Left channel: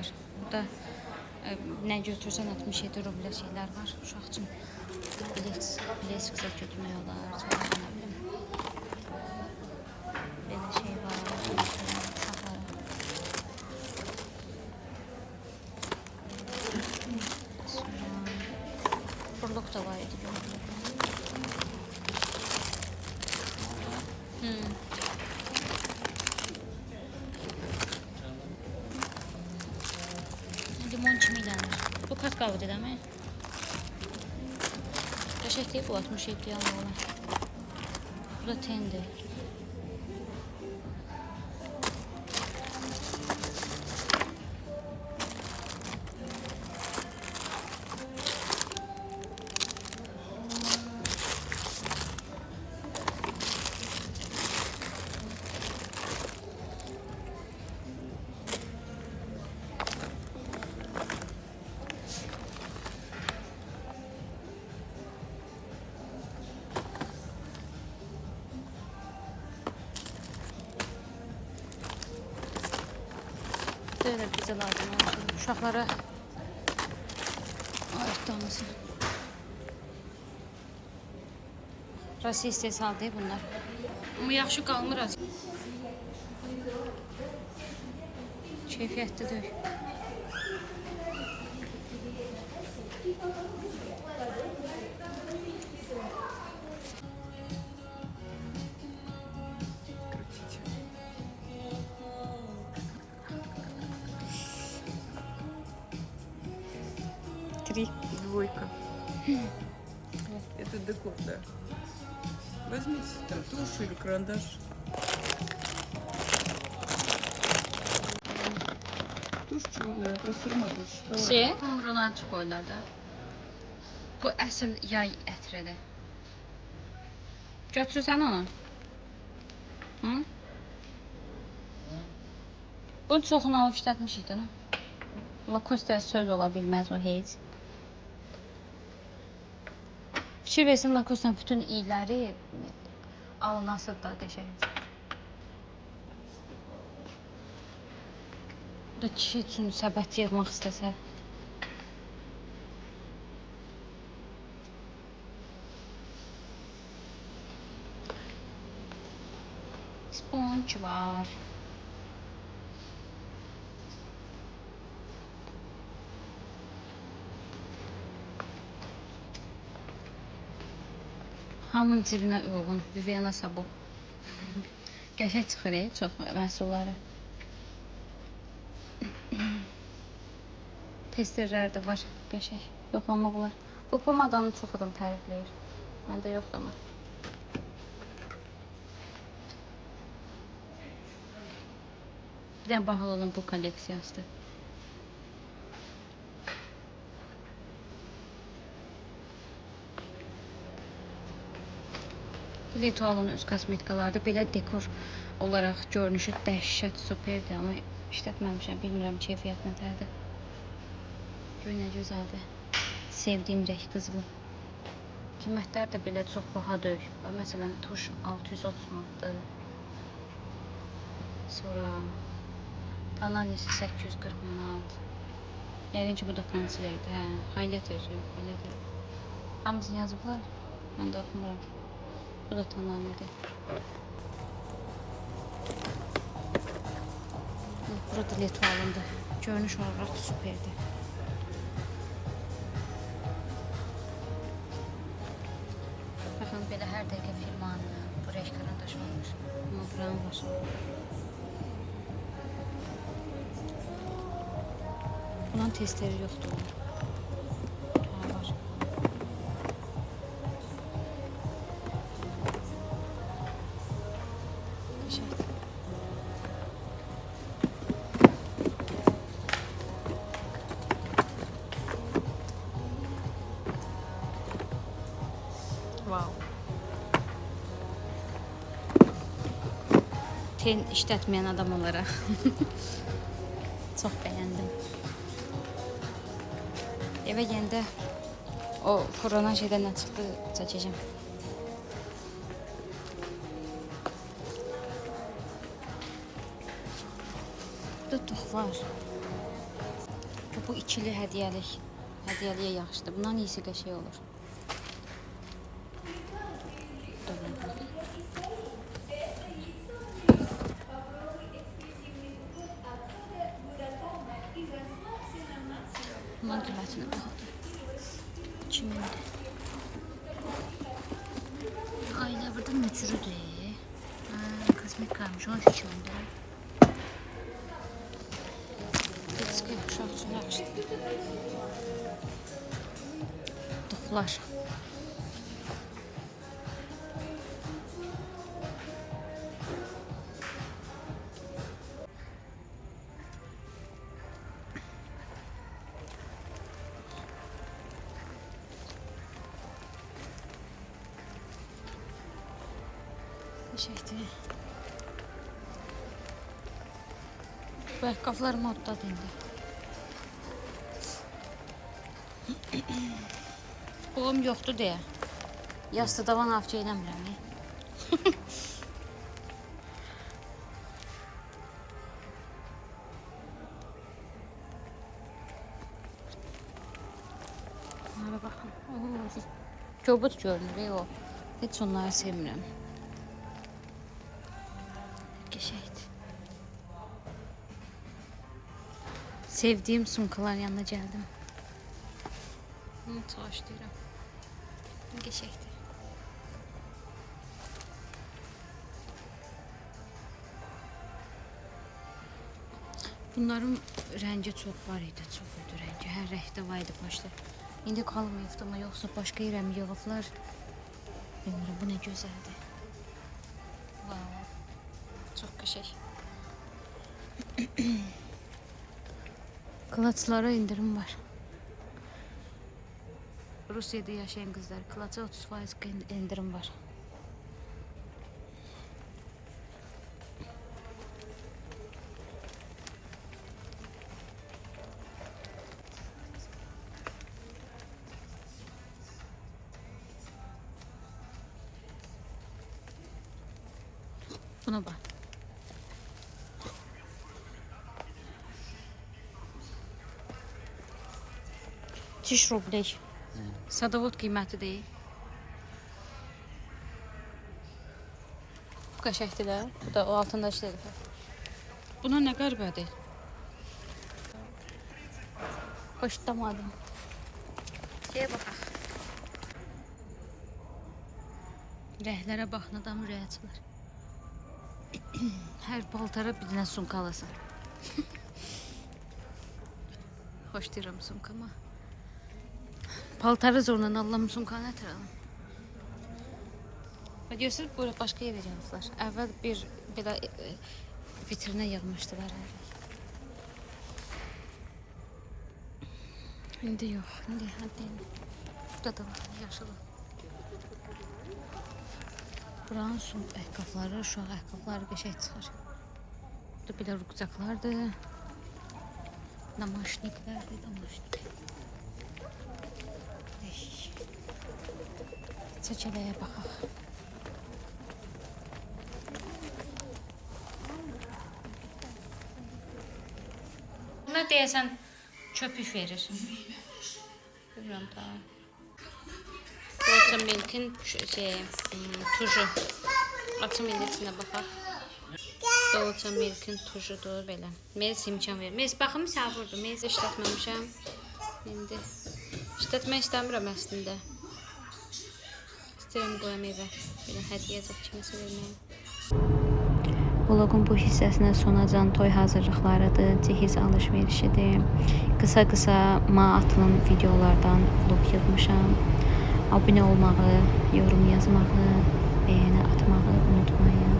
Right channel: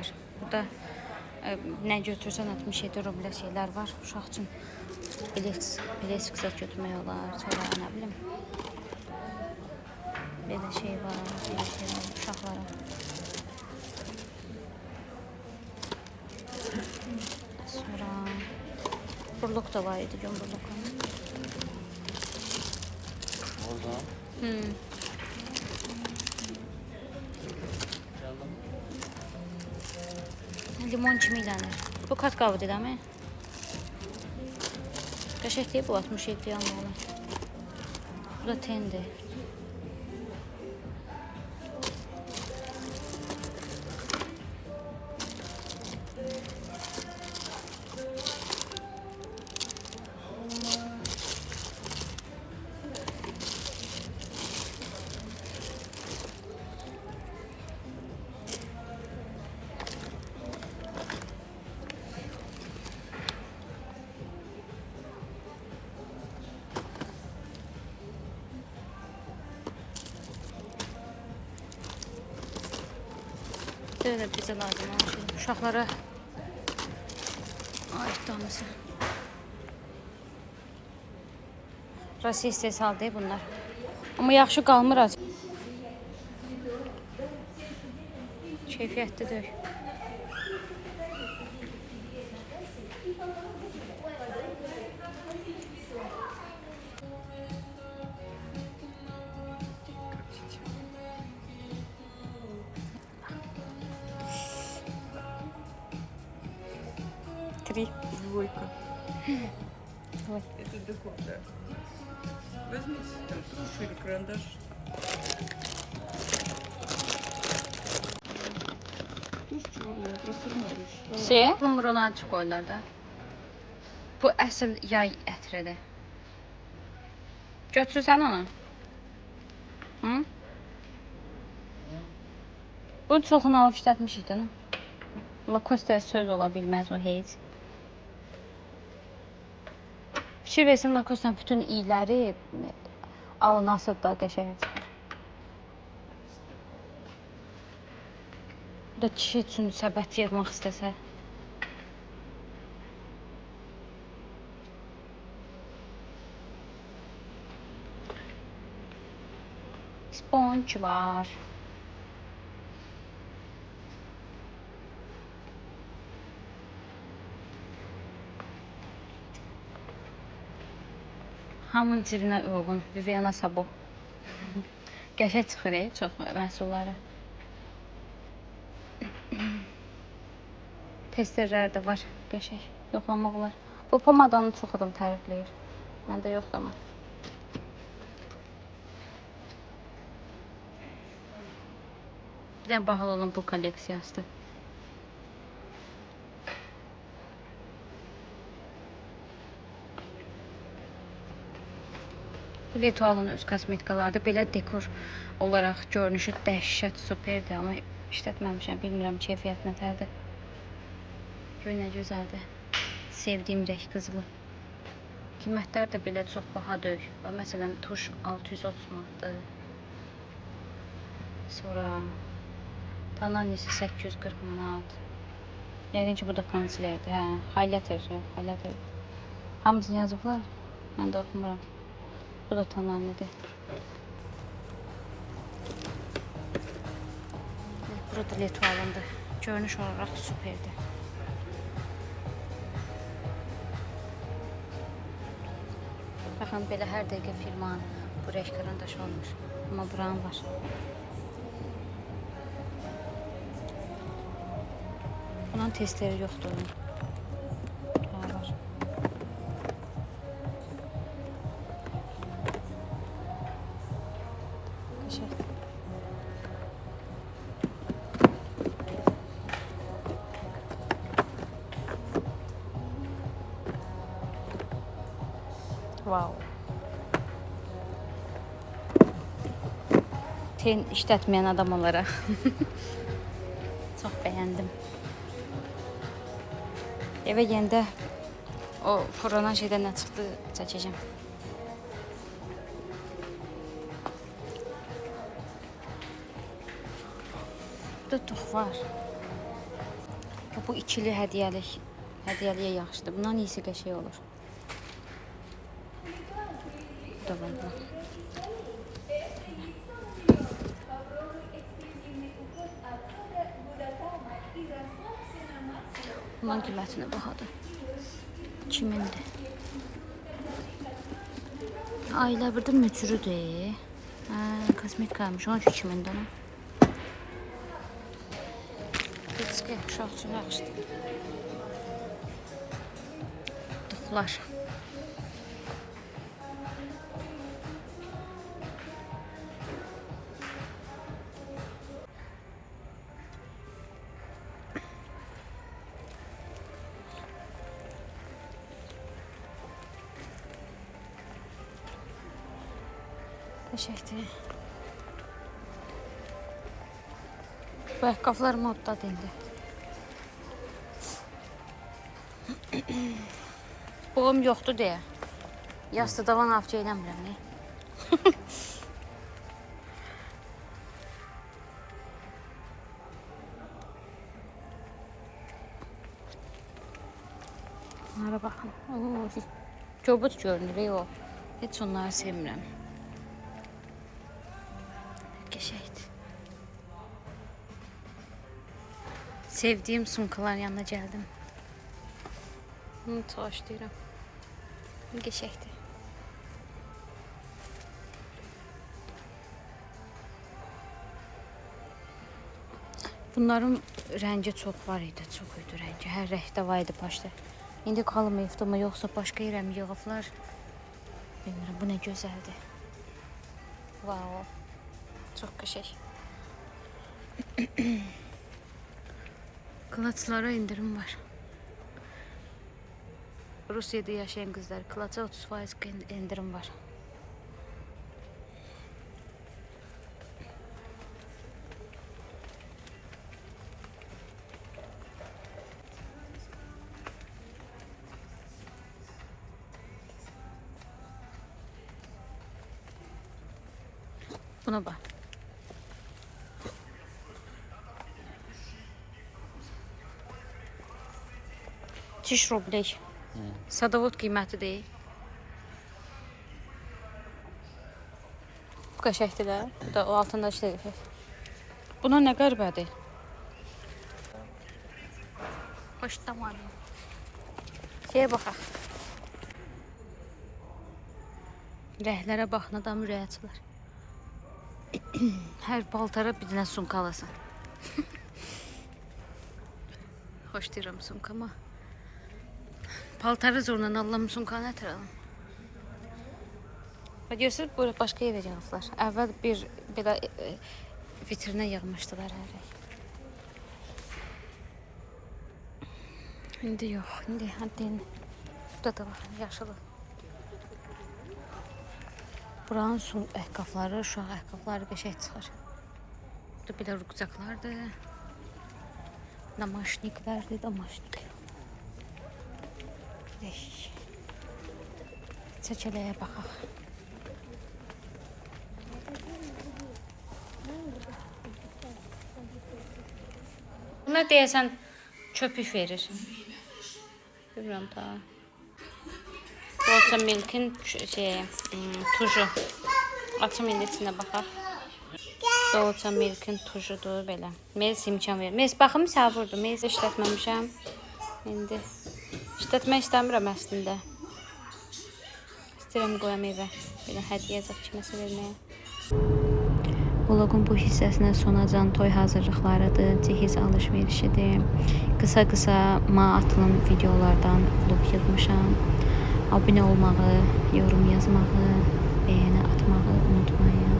Süper. Burada nə götürsən 67 rublə şeylər var. Uşaq üçün bilet qısat götürmək olar. Sonra nə bilim. Belə şey var. Uşaqlara. Sonra burluq da var idi. Burluq. Limon kimi ilənir. Bu katkavıdır değil mi? Qəşək deyib bu 67 yanlı olan. Bu da tendir. Böyle bize lazım olan şey. Uşaqlara aid tanısı. Rusiya istehsal değil bunlar. Ama yaxşı qalmır az. Keyfiyyətli deyil. Три. Двойка. Ой. Это декор, да. Возьмите там тушь или карандаш. Тушь черная, просырма тушь. Şey, humrulan koyurlar da. Bu əsl yay ətridir. Götürsən onu. Hı? Bu çoxunu alıb işlətmişikdir. Lacoste söz ola bilməz o heç. Fikir versin Lacoste'ın bütün iyləri alınası da qəşəng. Bu da kişi üçün səbət yığmaq istəsə. Sponge var. Hamının cibinə uyğun Viviana sabun. Qəşəng çıxır çox məhsulları. Testerlər də var qəşəng. Yoxlamaq olar. Bu pomadanı çox adam tərifləyir. Məndə yoxdur amma. Bir də bahalı olan bu kolleksiyasıdır. Litualın öz kosmetikalarda belə dekor olaraq görünüşü dəhşət superdir, amma işlətməmişəm, bilmirəm keyfiyyət nətərdir. Göy nə gözəldir. Sevdiyim rəng qızılı. Qiymətlər də belə çox baha deyil. Məsələn, tuş 630 manatdır. Sonra Tananisi 840 manat. Yəqin ki, bu da konsilerdir. Hə, highlighter. Hamısını yazıblar. Mən də oxumuram. Bu da Tananidir. Burada Litualındır. Görünüş olaraq süperdir. Baxın, belə hər dəqiqə firmanın bu rəng karandaşı olmuş. Amma buranın var. Bunun testləri yoxdur. Ha, var. Wow. Ten işlətməyən adam olaraq çox bəyəndim. Evə gəndə o fırlanan şeydən nə çıxdı çəkəcəm. Burada tox var. Bu ikili hədiyyəlik. Hədiyyəliyə yaxşıdır. Bundan iyisi qəşəng olur. Bu da var. Bundan qiymətinə baxadır. 2000-dir. Ailə burada mücrüdür. Kosmetik qalmış. 13.000-dir. Diski şah üçün yaxşıdır. Dıxlar. Teşekkür. Bu ayaqqabılar moddadır indi. Boğum yoxdur deyə. Yastığı davan avcı eləmirəm. Bunlara baxın. Kobud görünür o. Heç onları sevmirəm. Qəşəngdir. Sevdiyim sumkaların yanına gəldim. Bunu çalışdırıram. Qəşəngdir. Bunların rəngi çox var idi, çox idi rəngi. Hər rəngdə var idi başda. İndi qalmayıbdı mı, yoxsa başqa yerə mi yığıblar? Bilmirəm, bu nə gözəldir. Vau. Çox qəşəng. Kılaçlara indirim var. Rusiyada yaşayan qızlar, kılaça 30% indirim var. Buna bak. Çiş rubley. Sadovut qiyməti deyil. Bu qəşəkdir də. Bu da o altındakı deyil. Buna nə qəribədir? Xoşlamadım. Gəl baxaq. Rəhlərə baxın, adam ürəyə açılır. Hər paltara bir dənə sumka alasan. Xoş deyirəm sumkama. Paltarı zorla alıram, sumkanı nətər alım? Və görürsünüz, burada başqa yerə yığıblar. Əvvəl bir belə vitrinə yığmışdılar hər şey. İndi yox, indi həddi. Burada da baxın, yaşılı. Buranın son ayaqqabıları, uşaq ayaqqabıları qəşəng çıxır. Burada belə rüqcaqlardır. Namaşniklərdir, damaşnik. Çəkələyə baxaq. Buna deyəsən köpük verir. Bilmirəm daha. Dolça Milk'in tuju. Açım indi içinə baxaq. Dolça Milk'in tujudur belə. Melis imkan verir. Melis baxım sağ vurdu. Melis işlətməmişəm. İndi işlətmək istəmirəm əslində. İstəyirəm qoyam evə. Belə hədiyyə zat kiməsə verməyə. Vlogun bu hissəsinə sonacan toy hazırlıqlarıdır, cehiz alış-verişidir. Qısa-qısa atılan videolardan vlog yığmışam. Abunə olmağı, yorum yazmağı, bəyənə atmağı unutmayın.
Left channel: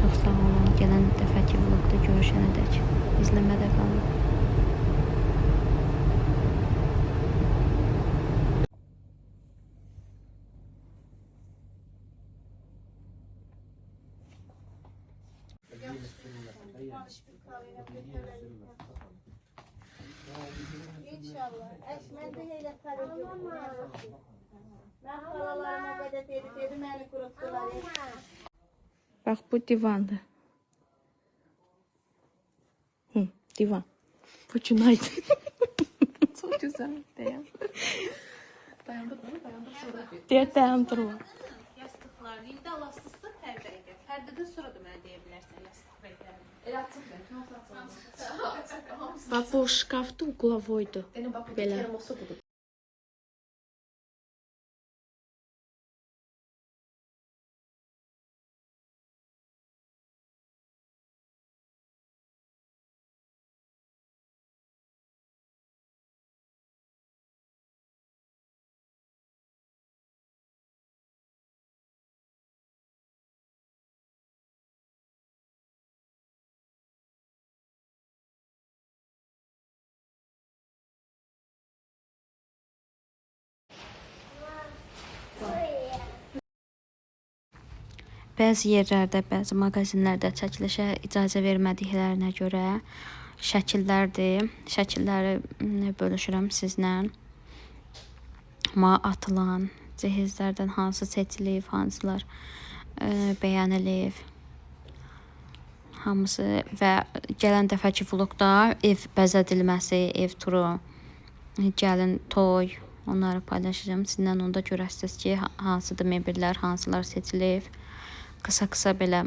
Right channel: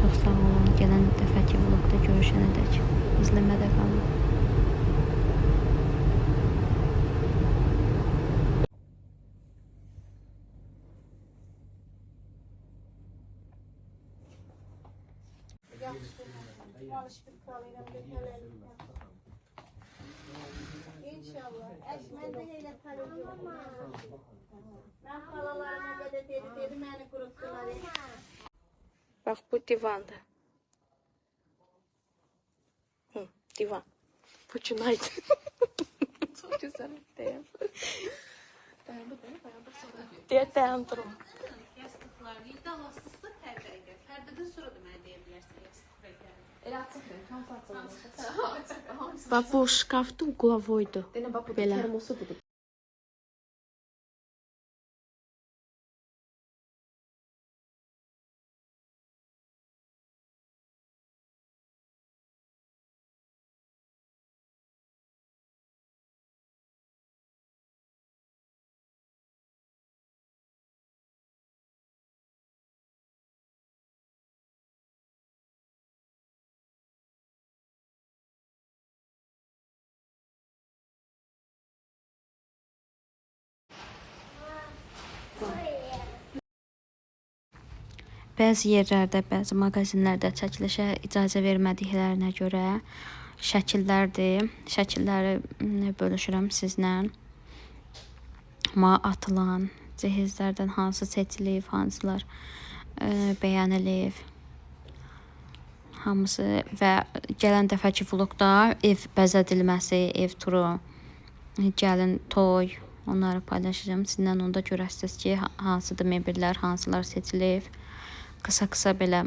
Çox sağ olun. Gələn dəfəki vlogda görüşənədək izləmədə qalın. İnşallah. Esmer'de yaparım. Ben paralarına kadar dedim eli kuruttular. Bax bu divandır. Divan. Bu günaydın. Çok güzel. Diye dayandırma. Yastıqlar, yerdə elastiksə pərdəyə. Pərdədən sonra da mənə deyə bilərsən yastık bəklərini. Bax bu şkafda uqlavoydu. Belə. Bəzi yerlərdə, bəzi mağazinlərdə çəkilişə icazə vermədiklərinə görə şəkillərdir. Şəkilləri bölüşürəm sizlə. Atılan cihazlardan hansı seçilib, hansılar bəyənilib. Hamısı və gələn dəfəki vloqda ev bəzədilməsi, ev turu, gəlin toy, onları paylaşacağım. Sizlə onda görəsiniz ki, hansıdır mebellər, hansılar seçilib. Qısa-qısa belə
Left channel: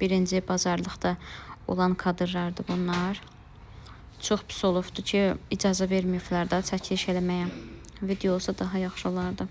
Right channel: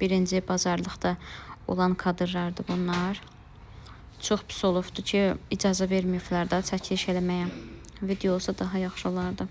birinci bazarlıqda olan kadrlardır bunlar. Çox pis olubdur ki, icazə verməyiblər də çəkiliş eləməyə. Video olsa daha yaxşı olardı.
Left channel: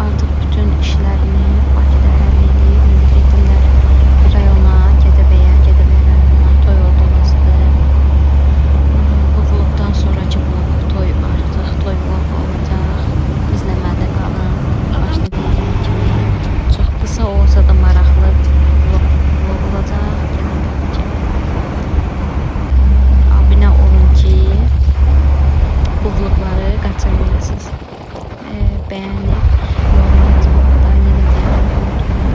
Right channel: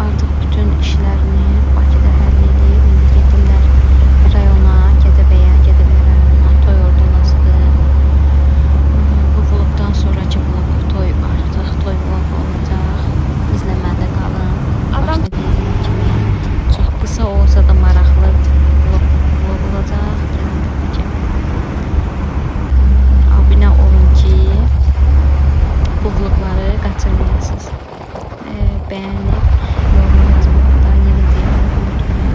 Artıq bütün işlərini Bakıda həll edib, indi gedirlər rayona, Gədəbəyə, Gədəbəyə rayonuna, toy orada olasıdır. Bu vlogdan sonraki vlog toy artıq toy vlogu olacaq. İzləmədə qalın. Başda dediyim kimi çox qısa olsa da maraqlı vlog olacaq. Gələn dəfəki abunə olun ki, bu vlogları qaçırmayasınız. Beğenip yorum yazmayı da yeniden unutmayın.